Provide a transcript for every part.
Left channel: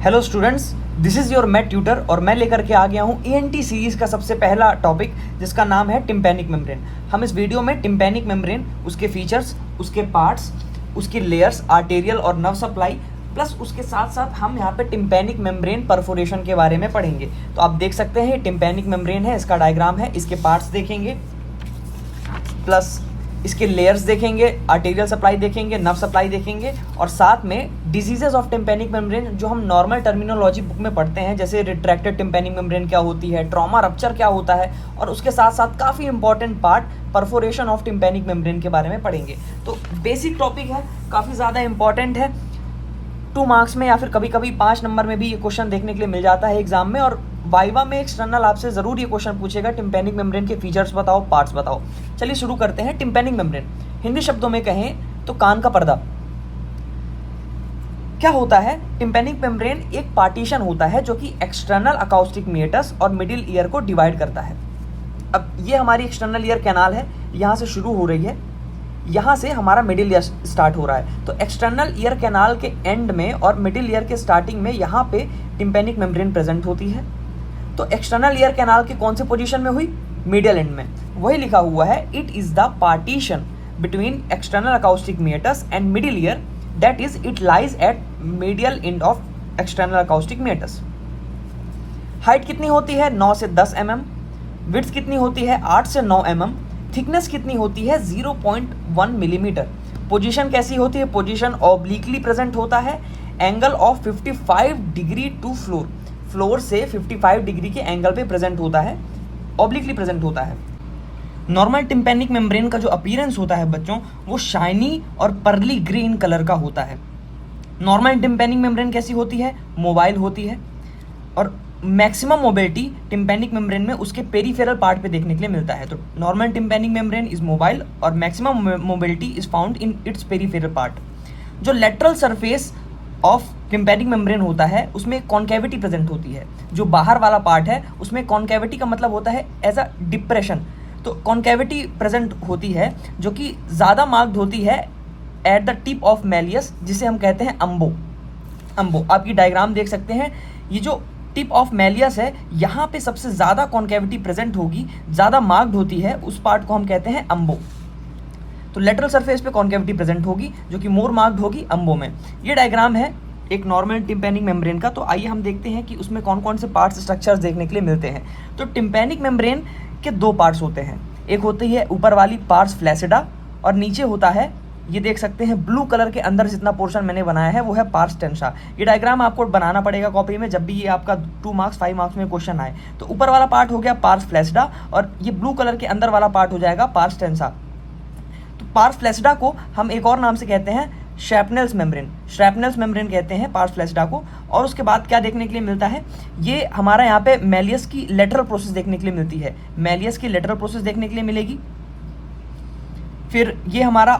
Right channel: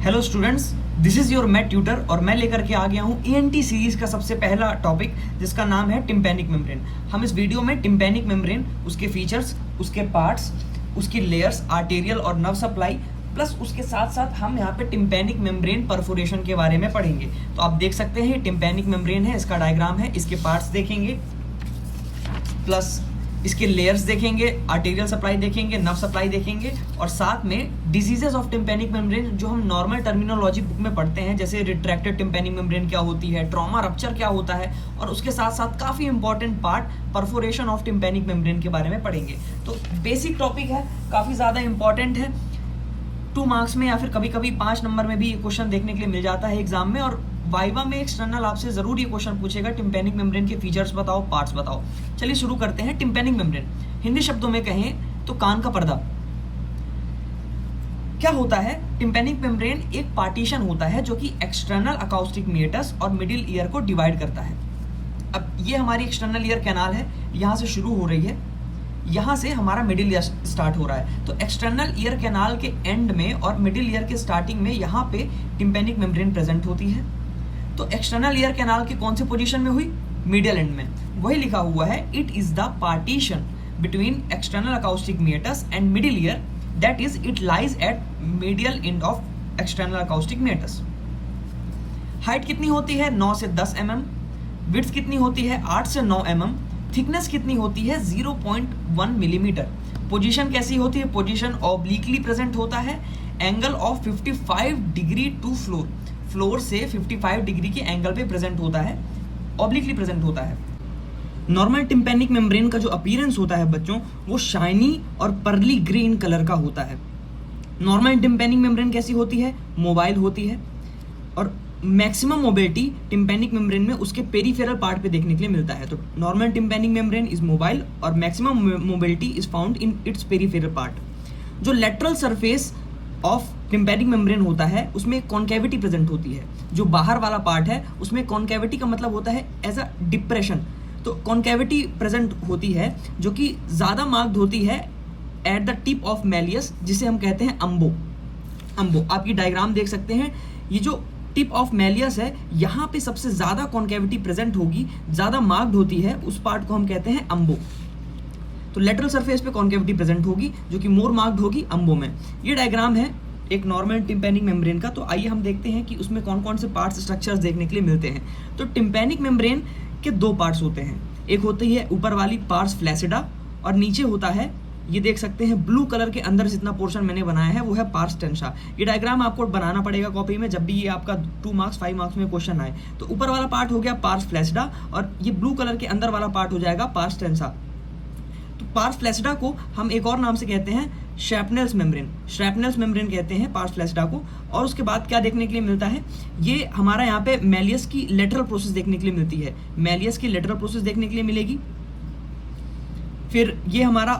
Hello students, this is your math tutor और मैं लेकर के आ गया हूँ ईएनटी सीरीज का सबसे पहला टॉपिक जिसका नाम है टिम्पैनिक मेम्ब्रेन। हम इस वीडियो में टिम्पैनिक मेम्ब्रेन, उसके फीचर्स, उसके पार्ट्स, उसकी लेयर्स, आर्टेरियल और नर्व सप्लाई, प्लस उसके साथ साथ हम यहाँ पे टिम्पैनिक मेम्ब्रेन परफोरेशन के बारे में पढ़ेंगे। तो आप देख सकते हैं टिम्पैनिक मेम्ब्रेन है, इसका डायग्राम है, इसके पार्ट्स देखेंगे, प्लस इसके लेयर्स देखेंगे, आर्टेरियल सप्लाई देखेंगे, नर्व सप्लाई देखेंगे और साथ में डिजीजेस ऑफ टिम्पैनिक मेम्ब्रेन जो हम नॉर्मल टर्मिनोलॉजी बुक में पढ़ते हैं, जैसे रिट्रैक्टेड टिम्पैनिक मेम्ब्रेन क्या होती है, ट्रॉमा रप्चर क्या होता है, और उसके साथ साथ काफ़ी important part perforation of tympanic membrane के बारे में पढ़ेंगे। तो बेसिक टॉपिक है, काफ़ी ज़्यादा इंपॉर्टेंट है। 2 मार्क्स में या फिर कभी कभी 5 नंबर में भी ये क्वेश्चन देखने के लिए मिल जाता है एग्जाम में, और वाइवा में एक्सटर्नल आपसे जरूर ये क्वेश्चन पूछेगा टिम्पैनिक मेम्ब्रेन के फीचर्स बताओ, पार्ट्स बताओ। चलिए शुरू करते हैं। टिम्पैनिक मेम्ब्रेन हिंदी शब्दों में कहें तो कान का पर्दा। क्या होता है? टिम्पैनिक मेम्ब्रेन एक पार्टीशन होता है जो कि एक्सटर्नल अकाउस्टिक मेटस और मिडिल ईयर को डिवाइड करता है। अब ये हमारी एक्सटर्नल ईयर कैनाल है, यहाँ से शुरू हो रही है, यहाँ से हमारा मिडिल ईयर स्टार्ट हो रहा है। तो एक्सटर्नल ईयर कैनाल के एंड में और मिडिल ईयर के स्टार्टिंग में यहाँ पे टिम्पैनिक मेम्ब्रेन प्रेजेंट होती है। तो एक्सटर्नल ईयर कैनाल की कौन सी पोजीशन में हुई? मिडिल एंड में। वही लिखा हुआ है, it is the partition between external acoustic meatus and middle ear, that is it lies at medial end of external acoustic meatus. Height कितनी होती है? 9 से 10 mm। विड्थ कितनी होती है? 8 से 9 mm। थिकनेस कितनी होती है? 0.1 मिलीमीटर। पोजीशन कैसी होती है? पोजीशन ऑब्लिकली प्रेजेंट होता है। Angle of 55 degree to floor, floor से 55 डिग्री के एंगल पे प्रेजेंट होता है, ऑब्लिकली प्रेजेंट होता है। नॉर्मल टिम्पैनिक मेम्ब्रेन का जो अपीयरेंस होता है बच्चों, वो शाइनी और पर्ली ग्रीन कलर का होता है। नॉर्मल टिम्पैनिक मेम्ब्रेन कैसी होती है? मोबाइल होती है, और मैक्सिमम मोबिलिटी टिम्पैनिक मेम्ब्रेन में उसके पेरिफेरल पार्ट पे देखने के लिए मिलता है। तो normal tympanic membrane is mobile और maximum mobility is found in its peripheral part. जो lateral surface of tympanic membrane होता है उसमें कॉन्केविटी प्रेजेंट होती है। जो बाहर वाला पार्ट है उसमें कॉन्केविटी का मतलब होता है एज अ डिप्रेशन। तो कॉन्केविटी प्रेजेंट होती है जो कि ज़्यादा मार्क्ड होती है eight the tip of malleus, जिसे हम कहते हैं अम्बो। आपकी डायग्राम देख सकते हैं, ये जो टिप ऑफ मैलियस है, यहाँ पे सबसे ज़्यादा कॉन्केविटी प्रेजेंट होगी, ज़्यादा मार्क्ड होती है, उस पार्ट को हम कहते हैं अम्बो। तो लेटरल सरफेस पे कॉन्केविटी प्रेजेंट होगी जो कि मोर मार्क्ड होगी अम्बो में। ये डायग्राम है एक नॉर्मल टिम्पैनिक मेम्ब्रेन का। तो आइए हम देखते हैं कि उसमें कौन कौन से पार्ट्स, स्ट्रक्चर्स देखने के लिए मिलते हैं। तो टिम्पैनिक मेम्ब्रेन के 2 पार्ट्स होते हैं। एक होती है ऊपर वाली पार्ट्स फ्लैसिडा, और नीचे होता है, ये देख सकते हैं ब्लू कलर के अंदर जितना पोर्शन मैंने बनाया है वो है पार्स टेंसा। ये डायग्राम आपको बनाना पड़ेगा कॉपी में जब भी ये आपका 2 मार्क्स 5 मार्क्स में क्वेश्चन आए। तो ऊपर वाला पार्ट हो गया पार्स फ्लैसिडा और ये ब्लू कलर के अंदर वाला पार्ट हो जाएगा पार्स टेंसा। तो पार्स फ्लैसिडा को हम एक और नाम से कहते हैं श्रैपनेल्स मेम्ब्रेन कहते हैं पार्स फ्लैसिडा को। और उसके बाद क्या देखने के लिए मिलता है? ये हमारा यहाँ पे मैलियस की लेटरल प्रोसेस देखने के लिए मिलती है। मैलियस की लेटरल प्रोसेस देखने के लिए मिलेगी। फिर ये हमारा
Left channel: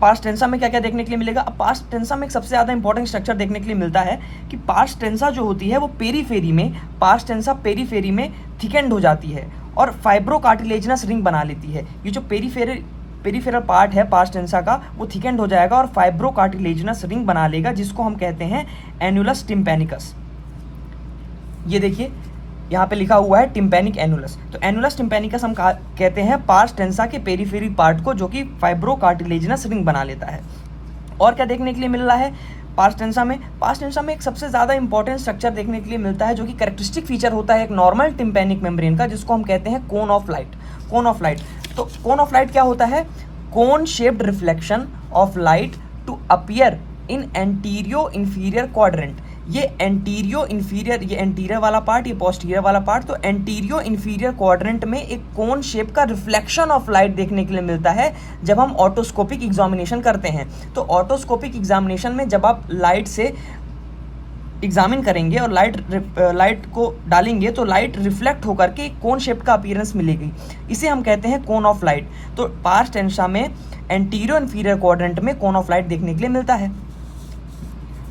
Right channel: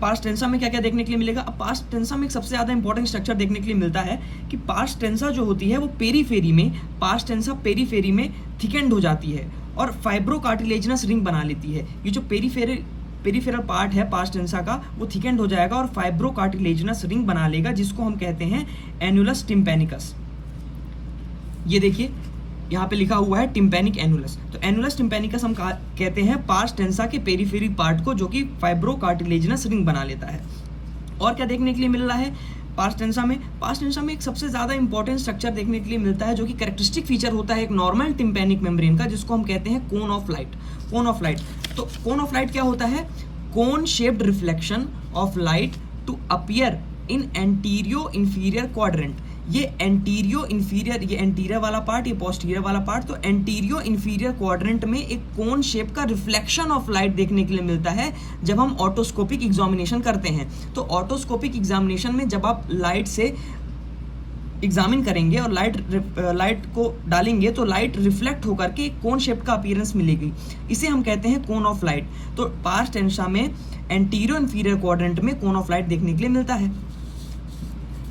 पार्स टेंसा में क्या क्या देखने के लिए मिलेगा? अब पार्स टेंसा में एक सबसे ज़्यादा इंपॉर्टेंट स्ट्रक्चर देखने के लिए मिलता है कि पार्स टेंसा जो होती है वो पेरीफेरी में थिकेंड हो जाती है और फाइब्रोकार्टिलेजिनस रिंग बना लेती है। ये जो पेरीफेरल पार्ट है पार्स टेंसा का, वो थिकेंड हो जाएगा और फाइब्रोकार्टिलेजिनस रिंग बना लेगा, जिसको हम कहते हैं एनुलस टिम्पैनिकस। ये देखिए यहाँ पे लिखा हुआ है टिम्पैनिक एनुलस। तो एनुलस टिम्पैनिकस हम कहते हैं पार्स टेंसा के पेरीफेरी पार्ट को, जो कि फाइब्रोकार्टिलेजिनस रिंग बना लेता है। और क्या देखने के लिए मिल रहा है पार्स टेंसा में? पार्स टेंसा में एक सबसे ज़्यादा इंपॉर्टेंट स्ट्रक्चर देखने के लिए मिलता है जो कि कैरेक्टरिस्टिक फीचर होता है एक नॉर्मल टिम्पैनिक मेम्ब्रेन का, जिसको हम कहते हैं कोन ऑफ लाइट। तो कोन ऑफ लाइट क्या होता है? Cone shaped reflection of light to appear in anteroinferior quadrant. ये एंटीरियर वाला पार्ट, ये पोस्टीरियर वाला पार्ट। तो एंटीरियो इंफीरियर क्वाड्रेंट में एक कोन शेप का रिफ्लेक्शन ऑफ लाइट देखने के लिए मिलता है जब हम ऑटोस्कोपिक एग्जामिनेशन करते हैं। तो ऑटोस्कोपिक एग्जामिनेशन में जब आप लाइट से एग्जामिन करेंगे और लाइट को डालेंगे तो लाइट रिफ्लेक्ट होकर के कोन शेप का अपीयरेंस मिलेगी, इसे हम कहते हैं कोन ऑफ लाइट। तो पार्स टेंसा में एंटीरियो इंफीरियर क्वाड्रेंट में कोन ऑफ लाइट देखने के लिए मिलता है।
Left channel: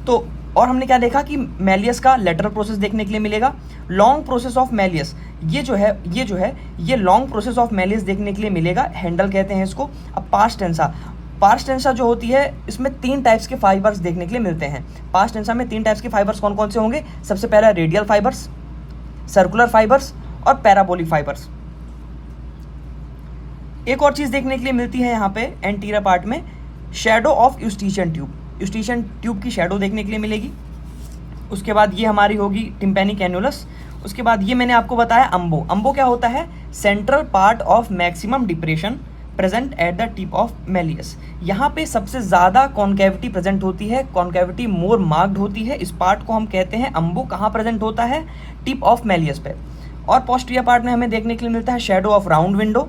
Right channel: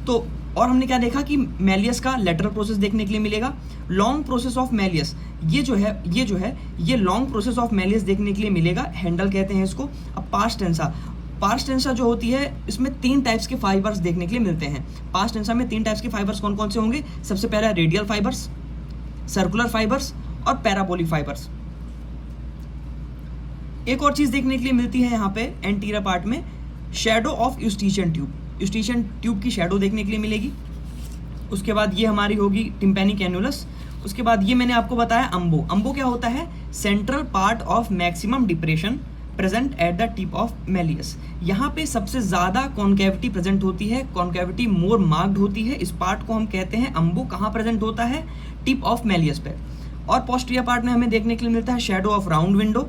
तो और हमने क्या देखा कि मैलियस का लेटरल प्रोसेस देखने के लिए मिलेगा। लॉन्ग प्रोसेस ऑफ मैलियस, ये लॉन्ग प्रोसेस ऑफ मैलियस देखने के लिए मिलेगा, हैंडल कहते हैं इसको। अब पार्स टेंसा, पार्स टेंसा जो होती है इसमें 3 टाइप्स के फाइबर्स देखने के लिए मिलते हैं। पार्स टेंसा में 3 टाइप्स के फाइबर्स कौन कौन से होंगे? सबसे पहला रेडियल फाइबर्स, सर्कुलर फाइबर्स और पैराबोलिक फाइबर्स। एक और चीज देखने के लिए मिलती है यहाँ पे एंटीरियर पार्ट में, शैडो ऑफ यूस्टीशियन ट्यूब। यूस्टीशियन ट्यूब की शैडो देखने के लिए मिलेगी। उसके बाद ये हमारी होगी टिम्पैनिक एन्युलस। उसके बाद ये मैंने आपको बताया अम्बो। अम्बो क्या होता है? Central part of maximum depression present at the tip of Méliès. यहाँ पे सबसे ज्यादा कॉन्केविटी प्रेजेंट होती है, कॉन्केविटी मोर मार्क्ड होती है। इस पार्ट को हम कहते हैं अम्बो। कहाँ प्रेजेंट होता है? टिप ऑफ मेलियस पे। और पोस्टीरियर पार्ट में हमें देखने के लिए मिलता है shadow of round window.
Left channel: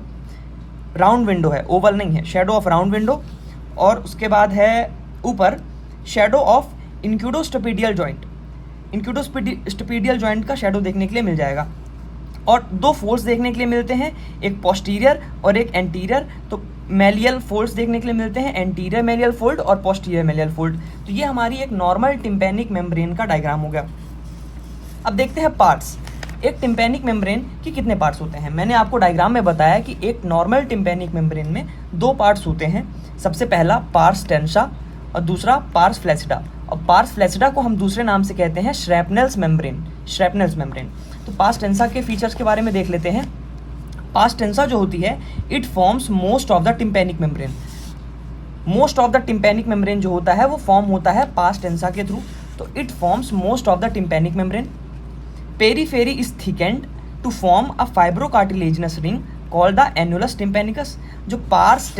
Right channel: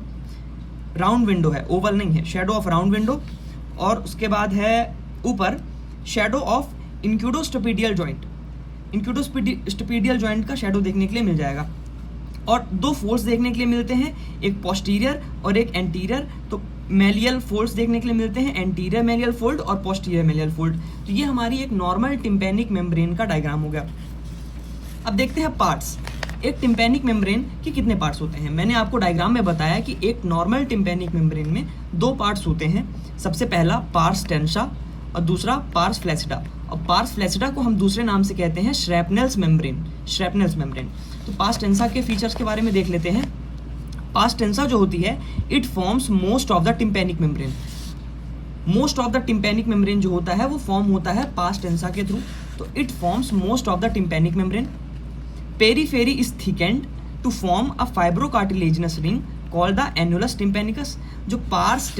Round window है, ओवल नहीं है, शैडो ऑफ राउंड विंडो। और उसके बाद है ऊपर शैडो ऑफ इंक्यूडोस्टोपीडियल जॉइंट। इंक्यूडोस्टोपीडियल जॉइंट का शैडो देखने के लिए मिल जाएगा। और 2 फोल्ड्स देखने के लिए मिलते हैं, एक पोस्टीरियर और एक एंटीरियर। तो मेलियल फोल्ड्स देखने के लिए मिलते हैं, एंटीरियर मेलियल फोल्ड और पोस्टीरियर मेलियल फोल्ड। तो ये हमारी एक नॉर्मल टिम्पैनिक मेम्ब्रेन का डायग्राम हो गया। अब देखते हैं पार्ट्स। एक टिम्पैनिक मेम्ब्रेन के कितने पार्ट्स होते हैं? मैंने आपको डायग्राम में बताया कि एक नॉर्मल टिम्पैनिक मेम्ब्रेन में 2 पार्ट्स होते हैं। सबसे पहला पार्स टेंसा और दूसरा पार्स फ्लैसिडा। और पार्स फ्लैसिडा को हम दूसरे नाम से कहते हैं श्रैपनेल्स मेम्ब्रेन। श्रैपनेल्स मेम्ब्रेन। तो पार्स टेंसा के फीचर्स के बारे में देख लेते हैं। पार्स टेंसा जो होती है it forms most of the tympanic membrane. Most of the tympanic membrane जो होता है वो फॉर्म होता है पार्स टेंसा के थ्रू। तो it forms most of the tympanic membrane. Periphery is thickened to form a fibrocartilaginous ring called the annulus tympanicus. जो pars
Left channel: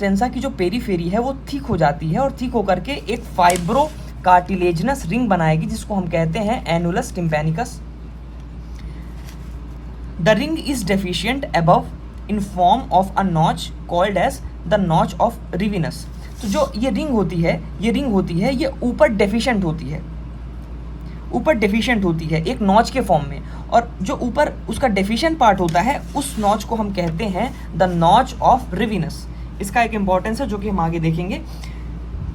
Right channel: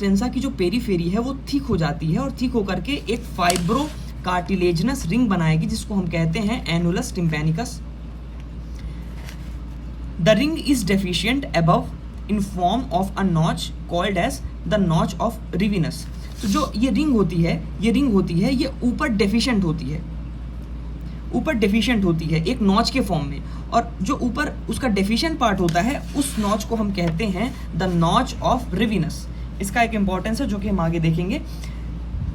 टेंसा की जो पेरीफेरी है वो थिक हो जाती है और थिक होकर के एक फाइब्रो कार्टिलेजिनस रिंग बनाएगी जिसको हम कहते हैं annulus tympanicus. The ring is deficient above in form of a notch called as the notch of Rivinus. तो जो ये रिंग होती है ये ऊपर डेफिशिएंट होती है एक नॉच के फॉर्म में। और जो ऊपर उसका डेफिशिएंट पार्ट होता है उस नॉच को हम कहते हैं द नॉच ऑफ रिविनस। इसका एक इंपॉर्टेंस है जो कि हम आगे देखेंगे।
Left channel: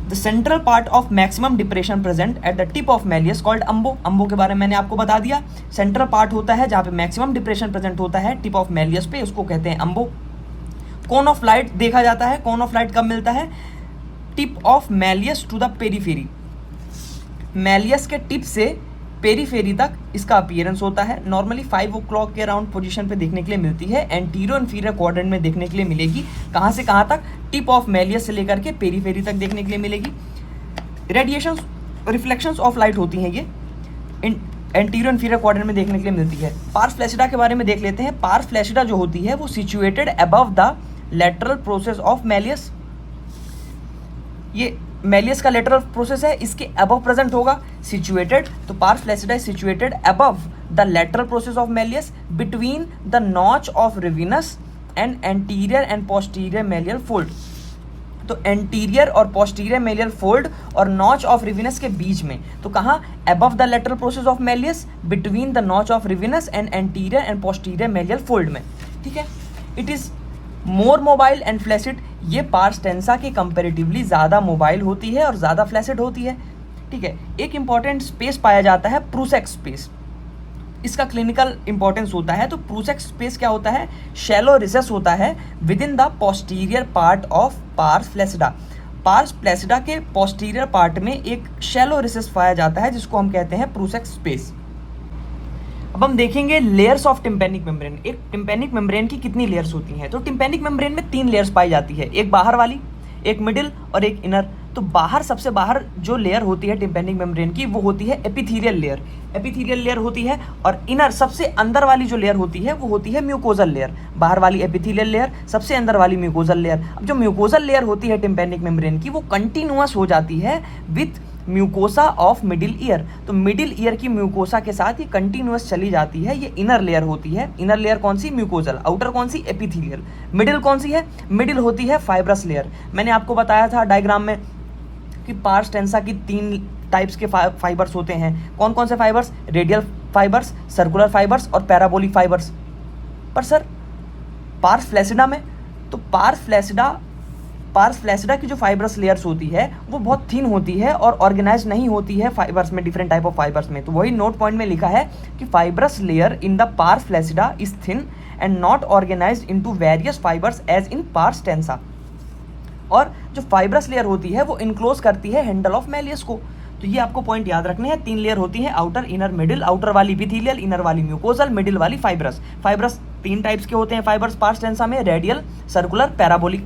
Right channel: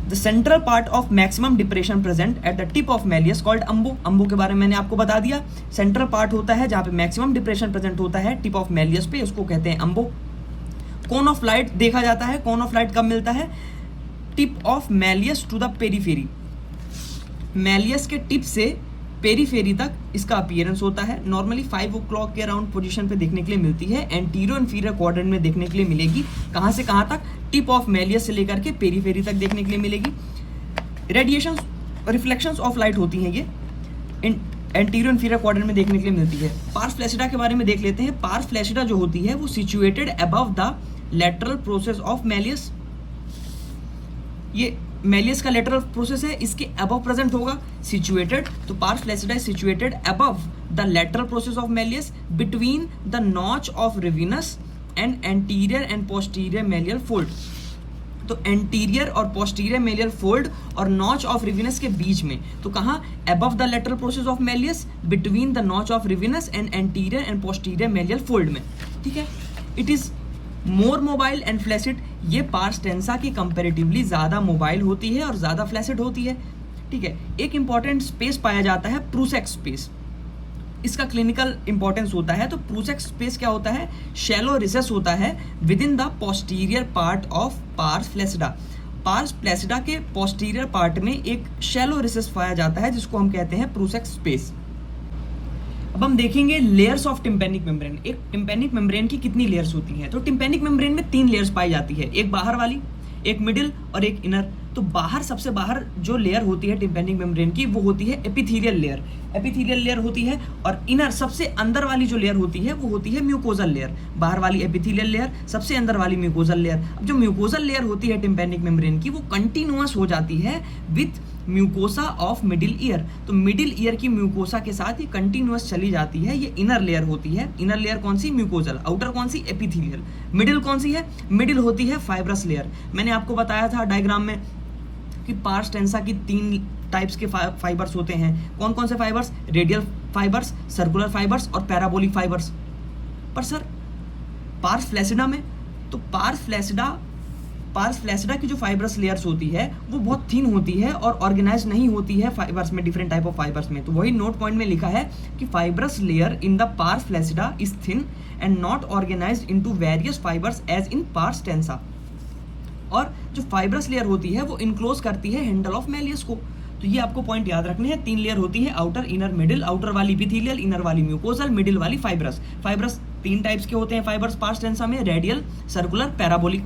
The central part of maximum depression present at the tip of malleus called umbo. Umbo के बारे में मैंने आपको बता दिया। सेंट्रल पार्ट होता है जहाँ पे मैक्सिमम डिप्रेशन प्रेजेंट होता है टिप ऑफ मेलियस पे, उसको कहते हैं अम्बो। कोन ऑफ लाइट देखा जाता है। कोन ऑफ लाइट कब मिलता है? Tip of malleus to the periphery. Malleus के टिप से पेरीफेरी तक इसका अपीयरेंस होता है। नॉर्मली 5 o'clock के अराउंड पोजीशन पे देखने के लिए मिलती है। एंटीरियर इंफीरियर क्वाड्रेंट में देखने के लिए मिलेगी। कहाँ से कहाँ तक? टिप ऑफ मेलियस से लेकर के पेरीफेरी तक देखने के लिए मिलेगी। रेडिएशन रिफ्लेक्शंस ऑफ लाइट होती हैं ये एंटीरियर इंफीरियर क्वाड्रेंट में देखने के लिए मिलती है। पार्स फ्लैसिडा के बारे में देख लेते हैं। पार्स फ्लैसिडा जो होती है वो situated above the lateral process of malleus. ये मेलियस का लेटरल प्रोसेस है, इसके अबव प्रेजेंट होगा सिचुएटेड। तो pars flaccida is situated above the lateral process of malleus between the notch of Rivinus and anterior and posterior malleal fold. तो anterior और posterior malleal fold और notch of Rivinus के बीच में। तो कहाँ? Above the lateral process of malleus between the notch of Rivinus and anterior and posterior malleal fold में। ठीक है। It is more mobile and flaccid. ये पार्स टेंसा के कंपेरेटिवली ज्यादा मोबाइल होती है और ज्यादा फ्लैसिड होती है। ठीक है। एक इंपॉर्टेंट स्पेस पाया जाता है प्रूसेक्स स्पेस। इसका क्लिनिकल इंपॉर्टेंस होता है। तो प्रूसेक्स स्पेस क्या होता है? शैलो रिसेस होता है within the posterior part of pars flaccida. Pars flaccida के पोस्टीरियर पार्ट में एक शैलो रिसेस पाया जाता है जिसको हम कहते हैं प्रूसेक्स स्पेस। अब हम देखेंगे लेयर्स ऑफ टिम्पैनिक मेम्ब्रेन। एक टिम्पैनिक मेम्ब्रेन की कितनी लेयर्स होती हैं? तो टिम्पैनिक मेम्ब्रेन में 3 लेयर्स पाई जाती है, एक बाहर वाली, एक मिडिल और एक इनर। तो बाहर सबसे बाहर जो लेयर होती है टिम्पैनिक मेम्ब्रेन की वो होती है एपिथेलियल लेयर। एपिथेलियल लेयर होती है। और इनर सबसे अंदर वाली जो लेयर होती है वो होती है म्यूकोजल लेयर। बाहर वाली एपिथेलियल लेयर, सबसे अंदर वाली म्यूकोजल लेयर। अब जो म्यूकोजल लेयर होती है टिम्पैनिक मेम्ब्रेन की वो कंटिन्यूअस हो जाती है with mucosa of middle ear. तो मिडिल ईयर की म्यूकोसा के साथ ये कंटिन्यूअस चली जाती है। ये इनर लेयर होती है। इनर लेयर कौन सी? म्यूकोजल। आउटर कौन सी? एपिथेलियल। मिडिल कौन सी है? मिडिल होती है फाइब्रस लेयर। मैंने आपको बताया था डायग्राम में कि पार्स टेंसा की 3 टाइप्स के फाइबर्स होते हैं। कौन कौन से fibres? Radial fibres, circular fibres और पैराबोलिक फाइबर्स। पर सर पार्स फ्लैसिडा में, तो पार्स फ्लैसिडा की जो फाइबरस लेयर्स होती है वो बहुत थिन होती है और ऑर्गेनाइज नहीं होती है फाइबर्स में, डिफरेंट टाइप ऑफ फाइबर्स में। तो वही नोट पॉइंट में लिखा है कि fibrous layer in the pars flaccida is thin and not organised into various fibres as in pars tensa. और जो फाइब्रस लेयर होती है वो इनक्लोज करती है हैंडल ऑफ मैलियस को। तो ये आपको पॉइंट याद रखने हैं। 3 लेयर होती है, आउटर, इनर, मिडिल। आउटर वाली इपिथेलियल, इनर वाली म्यूकोजल, मिडिल वाली फाइब्रस। फाइब्रस 3 टाइप्स के होते हैं फाइब्रस पास्ट टेंसा में, रेडियल, सर्कुलर, पैराबोलिक।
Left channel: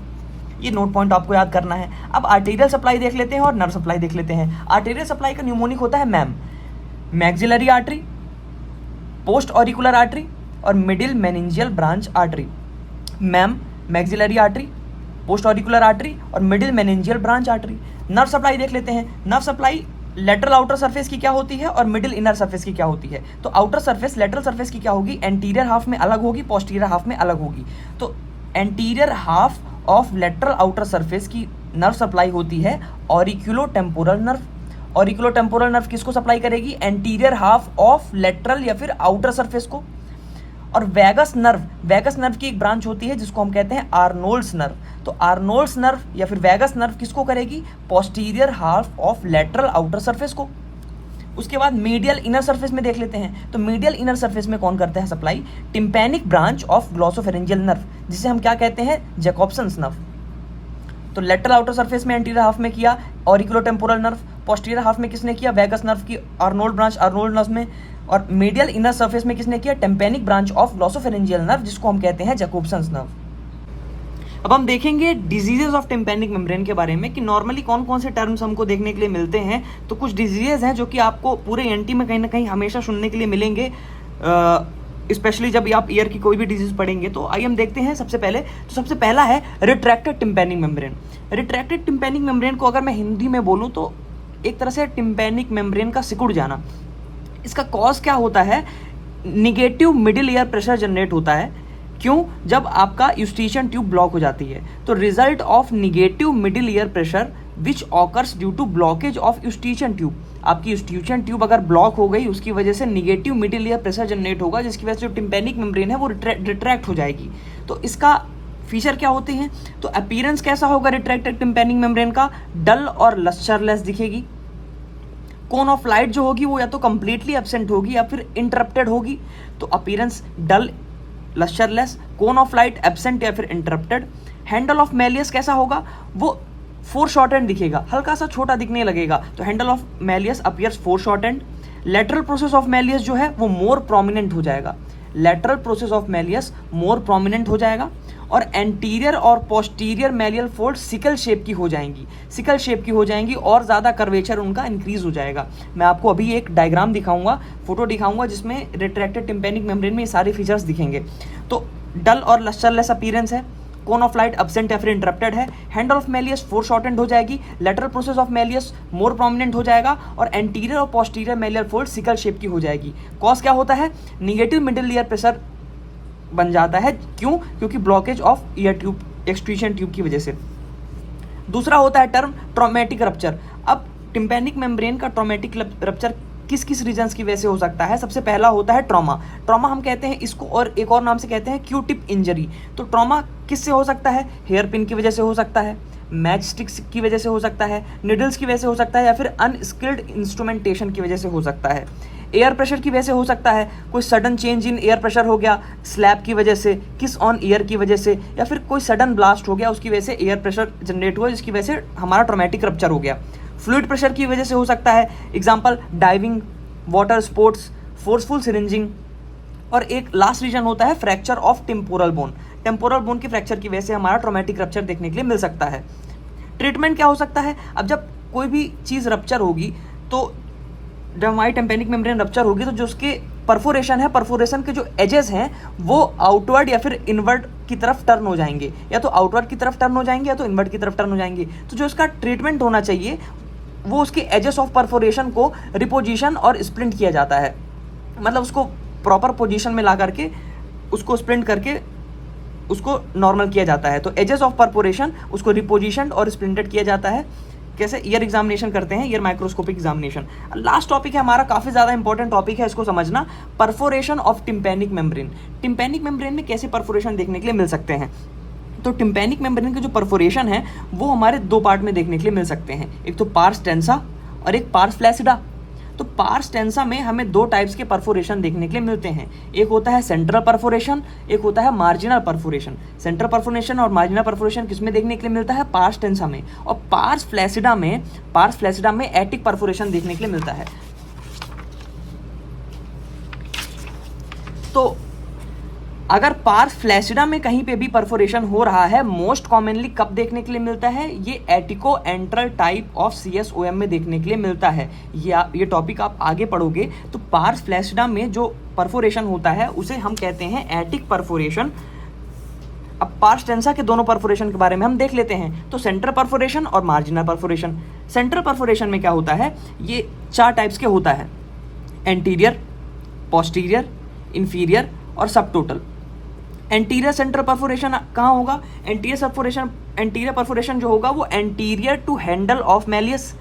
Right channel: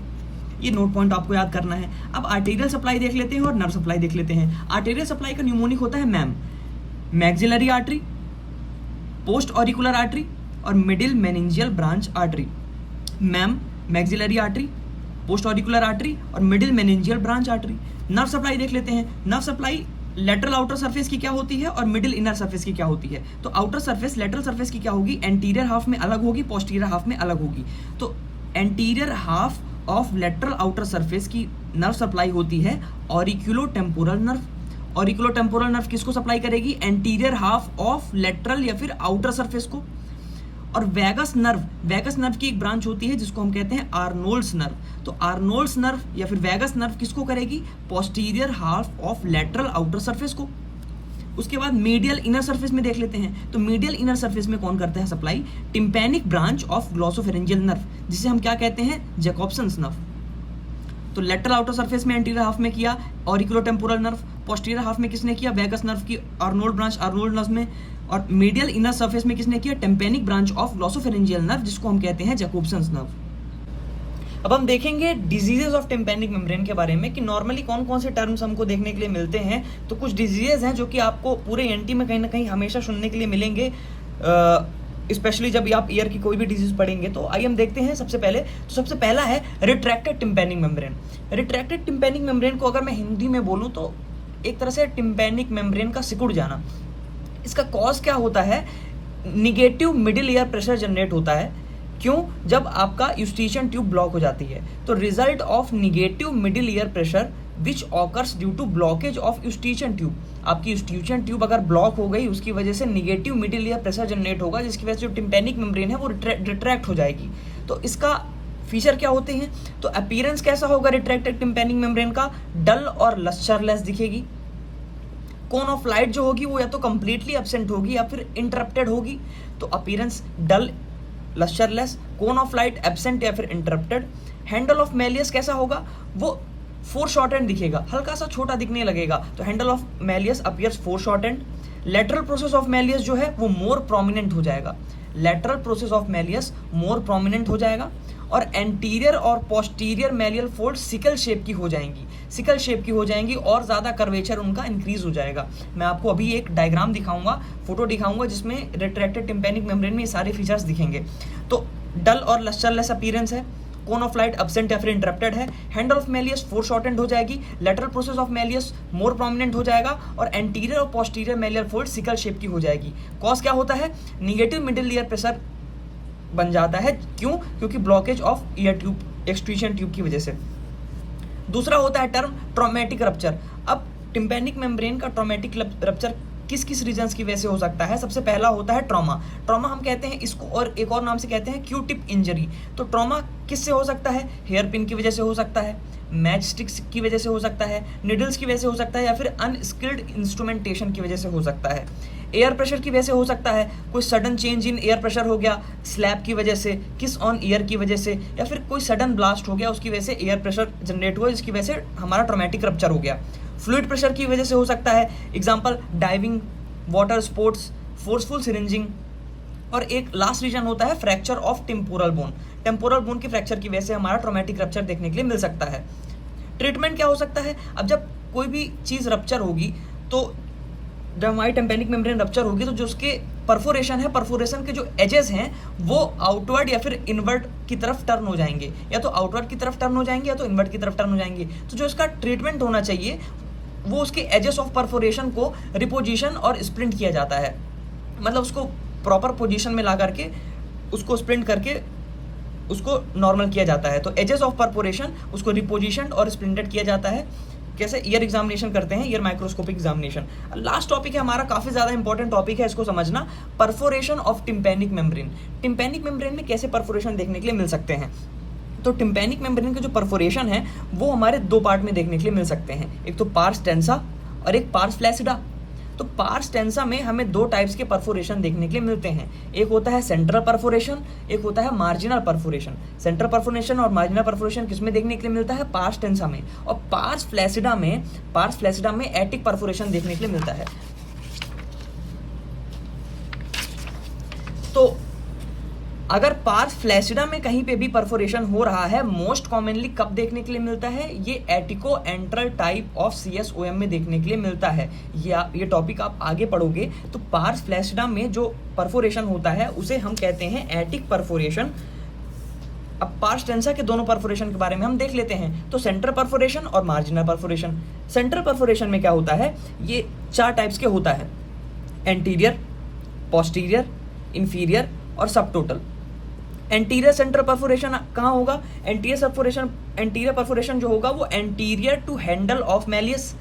ये नोट पॉइंट आपको याद करना है। अब आर्टेरियल सप्लाई देख लेते हैं और नर्व सप्लाई देख लेते हैं। आर्टेरियल सप्लाई का न्यूमोनिक होता है ma'am, maxillary artery, post auricular artery और middle meningeal branch artery. Ma'am, maxillary artery, post auricular artery और middle meningeal branch artery. Nerve supply देख लेते हैं। Nerve supply lateral outer surface की क्या होती है और मिडिल इनर सरफेस की क्या होती है। तो आउटर सरफेस लेटरल सरफेस की क्या होगी, एंटीरियर हाफ में अलग होगी, पोस्टीरियर हाफ में अलग होगी। तो anterior half of lateral outer surface की नर्व सप्लाई होती है auriculo temporal nerve. Auriculo temporal nerve किसको सप्लाई करेगी, एंटीरियर हाफ ऑफ लेटरल या फिर आउटर सरफेस को। और वैगस नर्व की एक ब्रांच होती है जिसको हम कहते हैं आर्नोल्ड्स नर्व। तो आर्नोल्ड्स नर्व या फिर वैगस नर्व किसको करेगी, posterior half of lateral outer surface को। उसके बाद मीडियल इनर सरफेस में देख लेते हैं। तो मीडियल इनर सरफेस में कौन करते हैं supply, tympanic branch of glossopharyngeal nerve, जिसे हम क्या कहते हैं, जैकोब्सन्स नर्व। तो लेटरल आउटर सरफेस में एंटीरियर हाफ में किया auriculo temporal nerve, posterior half में किसने किया, वैगस नर्व की आर्नोल्ड ब्रांच आर्नोल्ड नर्व में, और मीडियल इनर सरफेस में किसने किया, tympanic branch of glossopharyngeal nerve, जिसको हम कहते हैं जैकोब्सन्स नर्व। अब हम देखेंगे डिजीजेस ऑफ टिम्पैनिक मेम्ब्रेन के बारे में कि नॉर्मली कौन कौन से टर्म्स हमको देखने के लिए मिलते हैं। तो कुछ डिजीजेस हैं जो कि आपको पूरे एनटी में कहीं ना कहीं हमेशा सुनने के लिए मिलेंगे, स्पेशली जब आप ईयर की कोई भी डिजीज पढ़ेंगे। तो आइए हम देखते हैं। सबसे पहला है retracted tympanic membrane. Retracted tympanic membrane को अगर मैं हिंदी में बोलूं तो एक तरह से टिम्पैनिक मेम्ब्रेन का सिकुड़ जाना। इसका कॉज क्या होता है, negative middle ear pressure generate होता है। क्यों, जब आपका यूस्टिशियन ट्यूब ब्लॉक हो जाती है। तो result of negative middle ear pressure which occurs due to blockage of eustachian tube. आपकी यूस्टिशियन ट्यूब अगर ब्लॉक हो गई, उसकी वजह से negative middle ear pressure generate होगा, जिसकी वजह से जो टिम्पैनिक मेम्ब्रेन है वो रिट्रैक्ट हो जाएगी। तो इसका फीचर क्या होते हैं, तो अपीयरेंस कैसा होगा रिट्रैक्टेड टिम्पैनिक मेम्ब्रेन का, डल और लस्टरलेस दिखेगी। कोन ऑफ लाइट जो होगी वो या तो कंप्लीटली एब्सेंट होगी या फिर इंटरप्टेड होगी। तो appearance dull, lustreless, cone of light absent या फिर इंटरप्टेड। हैंडल ऑफ मैलियस कैसा होगा, वो फोर शॉर्टेंड दिखेगा, हल्का सा छोटा दिखने लगेगा। तो handle of malleus appears four shortened. Lateral process of malleus जो है वो मोर प्रोमिनेंट हो जाएगा। Lateral process of malleus more prominent हो जाएगा। और एंटीरियर और पोस्टीरियर मैलियल फोल्ड सिकल शेप की हो जाएंगी और ज्यादा कर्वेचर उनका इंक्रीज हो जाएगा। मैं आपको अभी एक डायग्राम दिखाऊंगा, फोटो दिखाऊंगा, जिसमें रिट्रैक्टेड टिम्पैनिक मेम्ब्रेन में ये सारे फीचर्स दिखेंगे। तो डल और लस्टरलेस अपीयरेंस है, कोन ऑफ लाइट एब्सेंट या फिर इंटरप्टेड है। Handle of malleus four shortened हो जाएगी। Lateral process of malleus more prominent हो जाएगा और एंटीरियर और पोस्टीरियर मैलियल फोल्ड सिकल शेप की हो जाएगी। कॉज क्या होता है, निगेटिव मिडिल ईयर प्रेशर बन जाता है। क्यों, क्योंकि blockage of year tube, extrusion tube की वजह से। दूसरा होता है टर्म ट्रॉमेटिक रप्चर। अब टिम्पैनिक मेम्ब्रेन का ट्रॉमेटिक रप्चर किस किस रीजंस की वजह से हो सकता है। सबसे पहला होता है ट्रॉमा हम कहते हैं इसको, और एक और नाम से कहते हैं क्यू टिप इंजरी। तो ट्रॉमा किससे हो सकता है, हेयर पिन की वजह से हो सकता है, मैच स्टिक्स की वजह से हो सकता है, निडल्स की वजह से हो सकता है, या फिर अनस्किल्ड इंस्ट्रूमेंटेशन की वजह से हो सकता है। एयर प्रेशर की वजह से हो सकता है, कोई sudden change in air pressure हो गया स्लैब की वजह से, किस ऑन ईयर की वजह से, या फिर कोई सडन ब्लास्ट हो गया, उसकी वजह से एयर प्रेशर जनरेट हुआ, जिसकी वजह से हमारा ट्रॉमेटिक रप्चर हो गया। फ्लूइड प्रेशर की वजह से हो सकता है, example diving, water sports, forceful syringing. और एक लास्ट रीजन होता है फ्रैक्चर ऑफ टेम्पोरल बोन की फ्रैक्चर की वजह से हमारा ट्रॉमेटिक रप्चर देखने के लिए मिल सकता है। ट्रीटमेंट क्या हो सकता है, अब जब कोई भी चीज रप्चर होगी, तो जब हमारी टिम्पैनिक मेम्ब्रेन रप्चर होगी तो जो उसके परफोरेशन के जो एजेस हैं वो आउटवर्ड या फिर इनवर्ड की तरफ टर्न हो जाएंगे, या तो आउटवर्ड की तरफ टर्न हो जाएंगे या तो इनवर्ड की तरफ टर्न हो जाएंगे। तो जो इसका ट्रीटमेंट होना चाहिए वो उसके एजेस ऑफ परफोरेशन को रिपोजिशन और स्प्लिंट किया जाता है, मतलब उसको प्रॉपर पोजीशन में ला करके उसको स्प्लिंट करके उसको नॉर्मल किया जाता है। तो एजेस ऑफ परफोरेशन उसको रिपोजिशन और स्प्लिंटेड किया जाता है। जैसे ईयर एग्जामिनेशन करते हैं, year microscopic examination. Last topic है हमारा, काफी ज्यादा इंपॉर्टेंट टॉपिक है, इसको समझना, perforation of tympanic membrane. Tympanic membrane में कैसे परफोरेशन देखने के लिए मिल सकते हैं। तो टिम्पैनिक मेम्ब्रेन के जो परफोरेशन है वो हमारे दो पार्ट में देखने के लिए मिल सकते हैं, एक तो पार्स टेंसा और एक पार्स फ्लैसिडा। तो पार्स टेंसा में हमें दो टाइप्स के परफोरेशन देखने के लिए मिलते हैं। एक होता है सेंट्रल परफोरेशन, एक होता है मार्जिनल परफोरेशन। सेंट्रल परफोरेशन और मार्जिनल परफोरेशन किसमें देखने के लिए मिलता है? पार्स टेंसा में। और पार्स फ्लैसिडा में एटिक परफोरेशन देखने के लिए मिलता है। तो अगर पार्स फ्लैसिडा में कहीं पे भी परफोरेशन हो रहा है, मोस्ट कॉमनली कब देखने के लिए मिलता है? ये एटिको एंट्रल टाइप ऑफ CSOM में देखने के लिए मिलता है। ये टॉपिक आप आगे पढ़ोगे तो पार्स फ्लैसिडा में जो परफोरेशन होता है उसे हम कहते हैं एटिक परफोरेशन। अब पार्स टेंसा के दोनों परफोरेशन के बारे में हम देख लेते हैं। तो सेंट्रल परफोरेशन और मार्जिनल परफोरेशन। सेंट्रल परफोरेशन में क्या होता है? ये 4 टाइप्स के होता है: एंटीरियर, पोस्टीरियर, इंफीरियर और सब टोटल। एंटीरियर सेंट्रल परफोरेशन कहाँ होगा? एंटीरियर परफोरेशन जो होगा वो anterior to handle of malleus.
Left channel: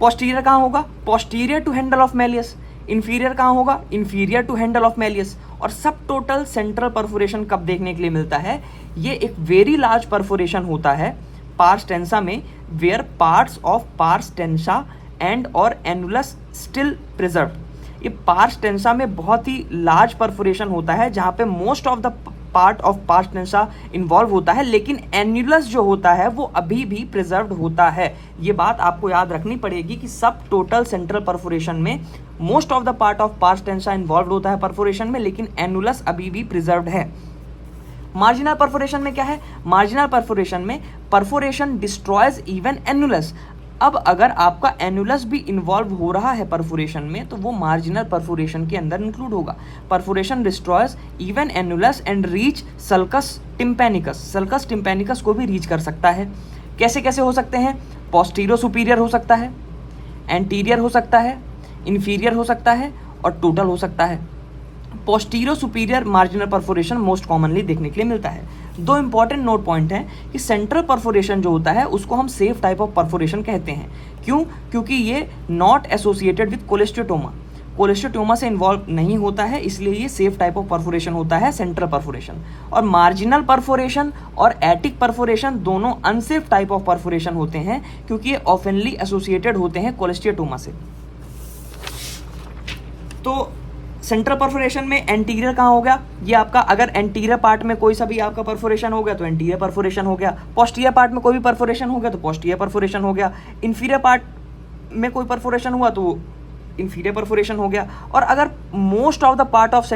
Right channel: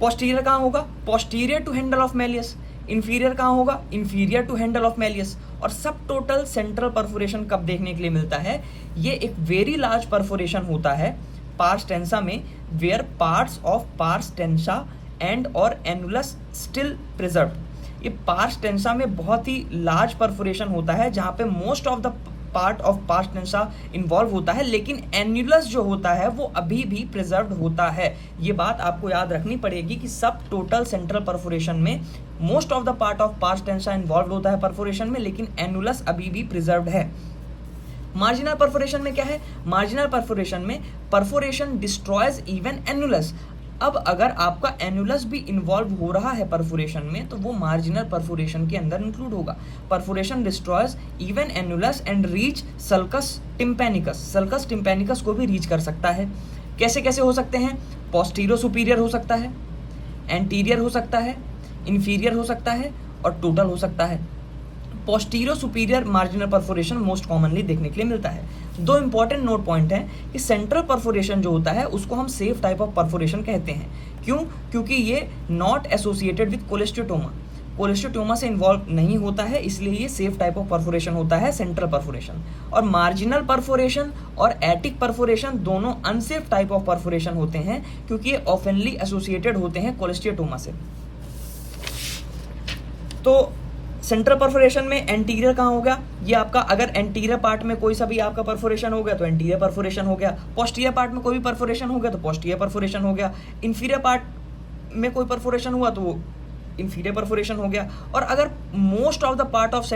Posterior कहाँ होगा? Posterior to handle of malleus. Inferior कहाँ होगा? Inferior to handle of malleus. और सब टोटल सेंट्रल परफोरेशन कब देखने के लिए मिलता है? ये एक वेरी लार्ज परफोरेशन होता है पार्स टेंसा में, where parts of pars tensa and और एनुलस स्टिल प्रिजर्व। ये पार्स टेंसा में बहुत ही लार्ज परफोरेशन होता है जहां पे most of the part of pars tensa involve होता है, लेकिन एन्युलस जो होता है वो अभी भी प्रिजर्व्ड होता है। ये बात आपको याद रखनी पड़ेगी कि सब टोटल सेंट्रल परफोरेशन में most of the part of pars tensa involve होता है परफोरेशन में, लेकिन एनुलस अभी भी प्रिजर्व्ड है। मार्जिनल परफोरेशन में क्या है? मार्जिनल परफोरेशन में परफोरेशन डिस्ट्रॉयज इवन एनुलस। अब अगर आपका एनुलस भी इन्वॉल्व हो रहा है परफोरेशन में तो वो मार्जिनल परफोरेशन के अंदर इंक्लूड होगा। Perforation destroys even annulus and reach sulcus tympanicus. Sulcus tympanicus को भी रीच कर सकता है। कैसे कैसे हो सकते हैं? पोस्टीरियर सुपीरियर हो सकता है, एंटीरियर हो सकता है, इंफीरियर हो सकता है और टोटल हो सकता है। Posterior superior marginal perforation most commonly देखने के लिए मिलता है। दो इंपॉर्टेंट नोट पॉइंट हैं कि सेंट्रल परफोरेशन जो होता है उसको हम सेफ टाइप ऑफ परफोरेशन कहते हैं। क्यों? क्योंकि ये नॉट एसोसिएटेड विद कोलेस्टियोटोमा, कोलेस्टियोटोमा से इन्वॉल्व नहीं होता है, इसलिए ये सेफ टाइप ऑफ परफोरेशन होता है सेंट्रल परफोरेशन। और मार्जिनल परफोरेशन और एटिक परफोरेशन दोनों अनसेफ टाइप ऑफ परफोरेशन होते हैं क्योंकि ये ऑफनली एसोसिएटेड होते हैं कोलेस्टियोटोमा से। तो सेंट्रल परफोरेशन में एंटीरियर कहाँ हो गया? ये आपका अगर एंटीरियर पार्ट में कोई सा भी आपका परफोरेशन हो गया तो एंटीरियर परफोरेशन हो गया। पोस्टीरियर पार्ट में कोई भी परफोरेशन हो गया तो पोस्टीरियर परफोरेशन हो गया। इंफीरियर पार्ट में कोई परफोरेशन हुआ तो वो इंफीरियर परफोरेशन हो गया। और अगर most of the part of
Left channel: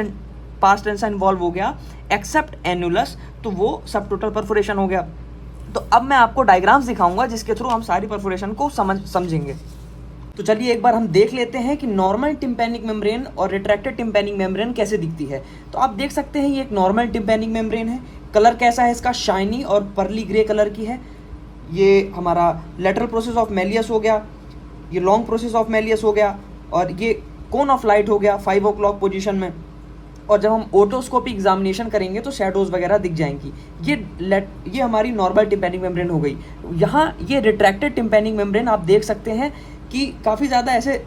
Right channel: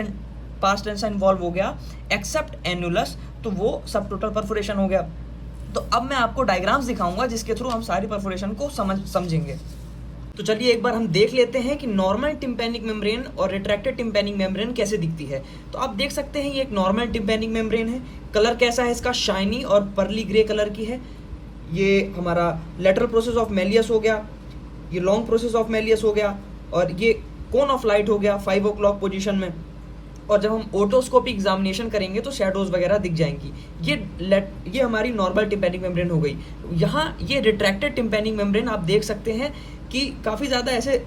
past tense involve हो गया एक्सेप्ट एनुलस तो वो सब टोटल परफोरेशन हो गया। तो अब मैं आपको डायग्राम्स दिखाऊंगा जिसके थ्रू हम सारी परफोरेशन को समझेंगे। तो चलिए एक बार हम देख लेते हैं कि नॉर्मल टिम्पैनिक मेम्ब्रेन और रिट्रैक्टेड टिम्पैनिक मेम्ब्रेन कैसे दिखती है। तो आप देख सकते हैं ये एक नॉर्मल टिम्पैनिक मेम्ब्रेन है। कलर कैसा है इसका? शाइनी और पर्ली ग्रे कलर की है। ये हमारा लेटरल प्रोसेस ऑफ मैलियस हो गया, ये लॉन्ग प्रोसेस ऑफ मैलियस हो गया और ये कोन ऑफ लाइट हो गया 5 o'clock पोजीशन में। और जब हम ओटोस्कोपी एग्जामिनेशन करेंगे तो शेडोज वगैरह दिख जाएंगी। ये हमारी नॉर्मल टिम्पैनिक मेम्ब्रेन हो गई। यहाँ ये रिट्रैक्टेड टिम्पैनिक मेम्ब्रेन आप देख सकते हैं कि काफ़ी ज़्यादा ऐसे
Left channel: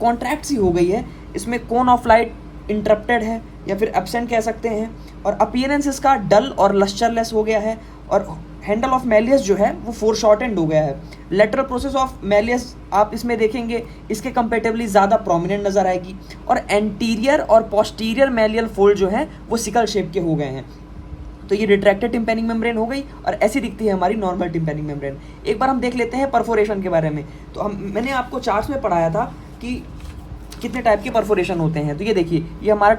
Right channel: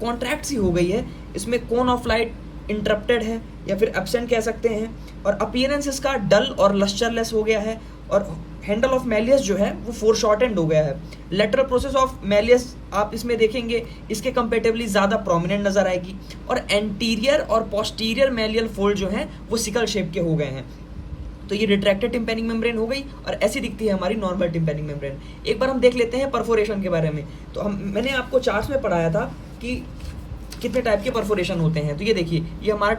कॉन्ट्रैक्ट सी हो गई है। इसमें कोन ऑफ लाइट इंटरप्टेड है या फिर एब्सेंट कह सकते हैं। और अपीयरेंस इसका डल और लस्टरलेस हो गया है। और हैंडल ऑफ मैलियस जो है वो फोरशॉर्टेंड हो गया है। लेटरल प्रोसेस ऑफ मैलियस आप इसमें देखेंगे इसके कंपेरेटिवली ज़्यादा प्रोमिनेंट नजर आएगी। और एंटीरियर और पोस्टीरियर मैलियल फोल्ड जो है वो सिकल शेप के हो गए हैं। तो ये रिट्रैक्टेड टिम्पैनिक मेम्ब्रेन हो गई और ऐसी दिखती है हमारी नॉर्मल टिम्पैनिक मेम्ब्रेन। एक बार हम देख लेते हैं परफोरेशन के बारे में। तो मैंने आपको चार्ट्स में पढ़ाया था कि कितने टाइप के परफोरेशन होते हैं। तो ये देखिए ये हमारा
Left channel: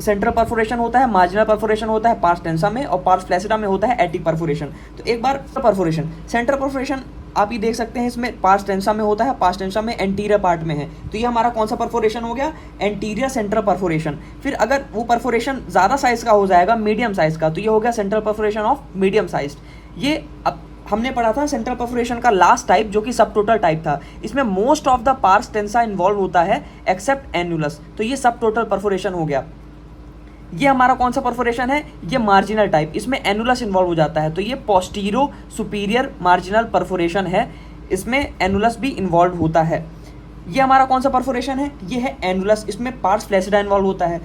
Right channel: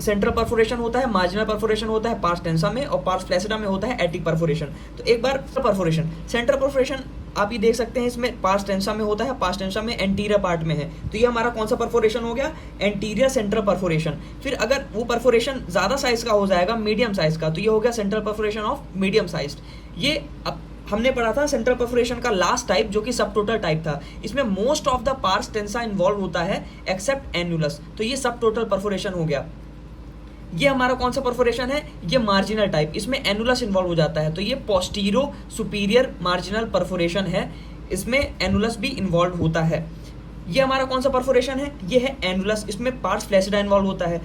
सेंट्रल परफोरेशन होता है, मार्जिनल परफोरेशन होता है पार्स टेंसा में और पार्स फ्लैसिडा में होता है एटिक परफोरेशन। तो एक बार परफोरेशन सेंट्रल परफोरेशन आप ये देख सकते हैं इसमें पार्स टेंसा में होता है, पार्स टेंसा में एंटीरियर पार्ट में है। तो ये हमारा कौन सा परफोरेशन हो गया? Anterior central perforation. फिर अगर वो परफोरेशन ज्यादा साइज का हो जाएगा, मीडियम साइज का, तो ये हो गया central perforation of medium size. ये हमने पढ़ा था सेंट्रल परफोरेशन का लास्ट टाइप जो कि सब टोटल टाइप था। इसमें most of the pars tensa involve होता है एक्सेप्ट एनुलस। तो ये सब टोटल परफोरेशन हो गया। ये हमारा कौन सा परफोरेशन है? ये मार्जिनल टाइप, इसमें एनुलस इन्वॉल्व हो जाता है। तो ये पोस्टीरो सुपीरियर मार्जिनल परफोरेशन है, इसमें एनुलस भी इन्वॉल्व होता है। ये हमारा कौन सा परफोरेशन है? ये है एनुलस, इसमें पार्स फ्लैसिडा इन्वॉल्व होता है।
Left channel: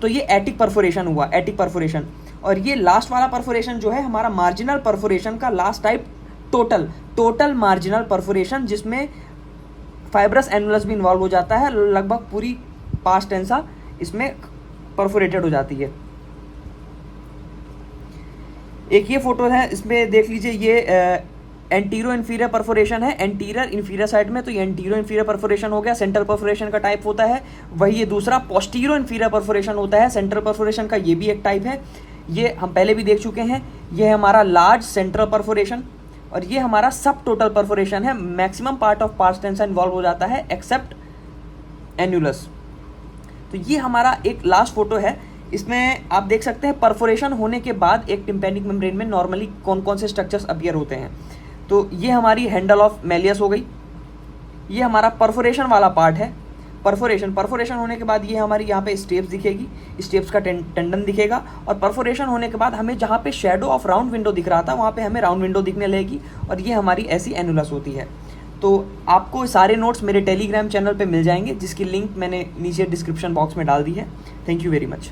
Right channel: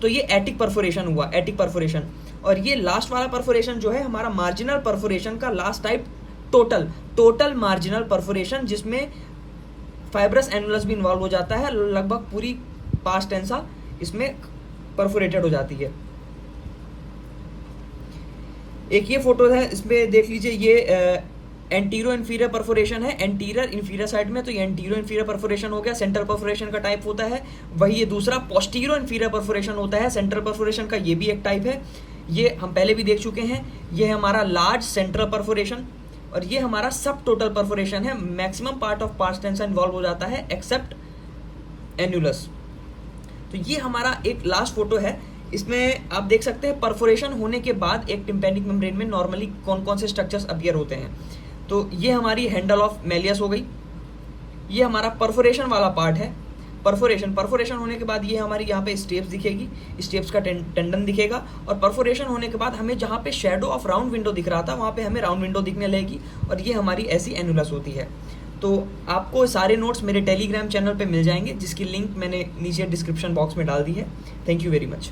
तो ये एटिक परफोरेशन हुआ, एटिक परफोरेशन। और ये लास्ट वाला परफोरेशन जो है हमारा मार्जिनल परफोरेशन का last type total marginal perforation, जिसमें फाइब्रस एनुलस भी इन्वॉल्व हो जाता है, लगभग पूरी पास्ट टेंसा इसमें परफोरेटेड हो जाती है। एक ये फोटो है, इसमें देख लीजिए, ये एंटीरो इन्फीरियर परफोरेशन है, एंटीरियर इन्फीरियर साइड में, तो ये एंटीरो इन्फीरियर परफोरेशन हो गया, सेंट्रल परफोरेशन का टाइप होता है। वही ये दूसरा पोस्टीरो इन्फीरियर परफोरेशन होता है, सेंट्रल परफोरेशन का ये भी एक टाइप है, ये हम पहले भी देख चुके हैं। ये है हमारा लार्ज सेंट्रल परफोरेशन, और ये हमारा सब टोटल परफोरेशन है। Maximum part of past टेंसा involve हो जाता है एक्सेप्ट एन्युलस। तो ये हमारा एक लास्ट फोटो है, इसमें आप देख सकते हैं परफोरेशन होने के बाद एक टिम्पैनिक मेम्ब्रेन में नॉर्मली कौन कौन से स्ट्रक्चर्स अपीयर होते हैं। तो ये हमारी हैंडल ऑफ मैलियस हो गई, ये हमारा परफोरेशन वाला पार्ट है। परफोरेशन होने के बाद ये हमारी यहाँ पे स्टेप्स दिखेगी, स्टेप्स का टेंडन दिखेगा, और परफोरेशन होने के बाद हमें जहाँ पे शेडो ऑफ राउंड विंडो दिख रहा था वहाँ पे हमें राउंड विंडो दिखने लगेगी, और ये हमारी ऐसी एनुलस होती है। तो आपको सारे नोट्स मेरे टेलीग्राम चैनल पे मिल जाएंगे, जिसकी लिंक मैंने नीचे डिस्क्रिप्शन बॉक्स में डाल दी है। Thank you very much.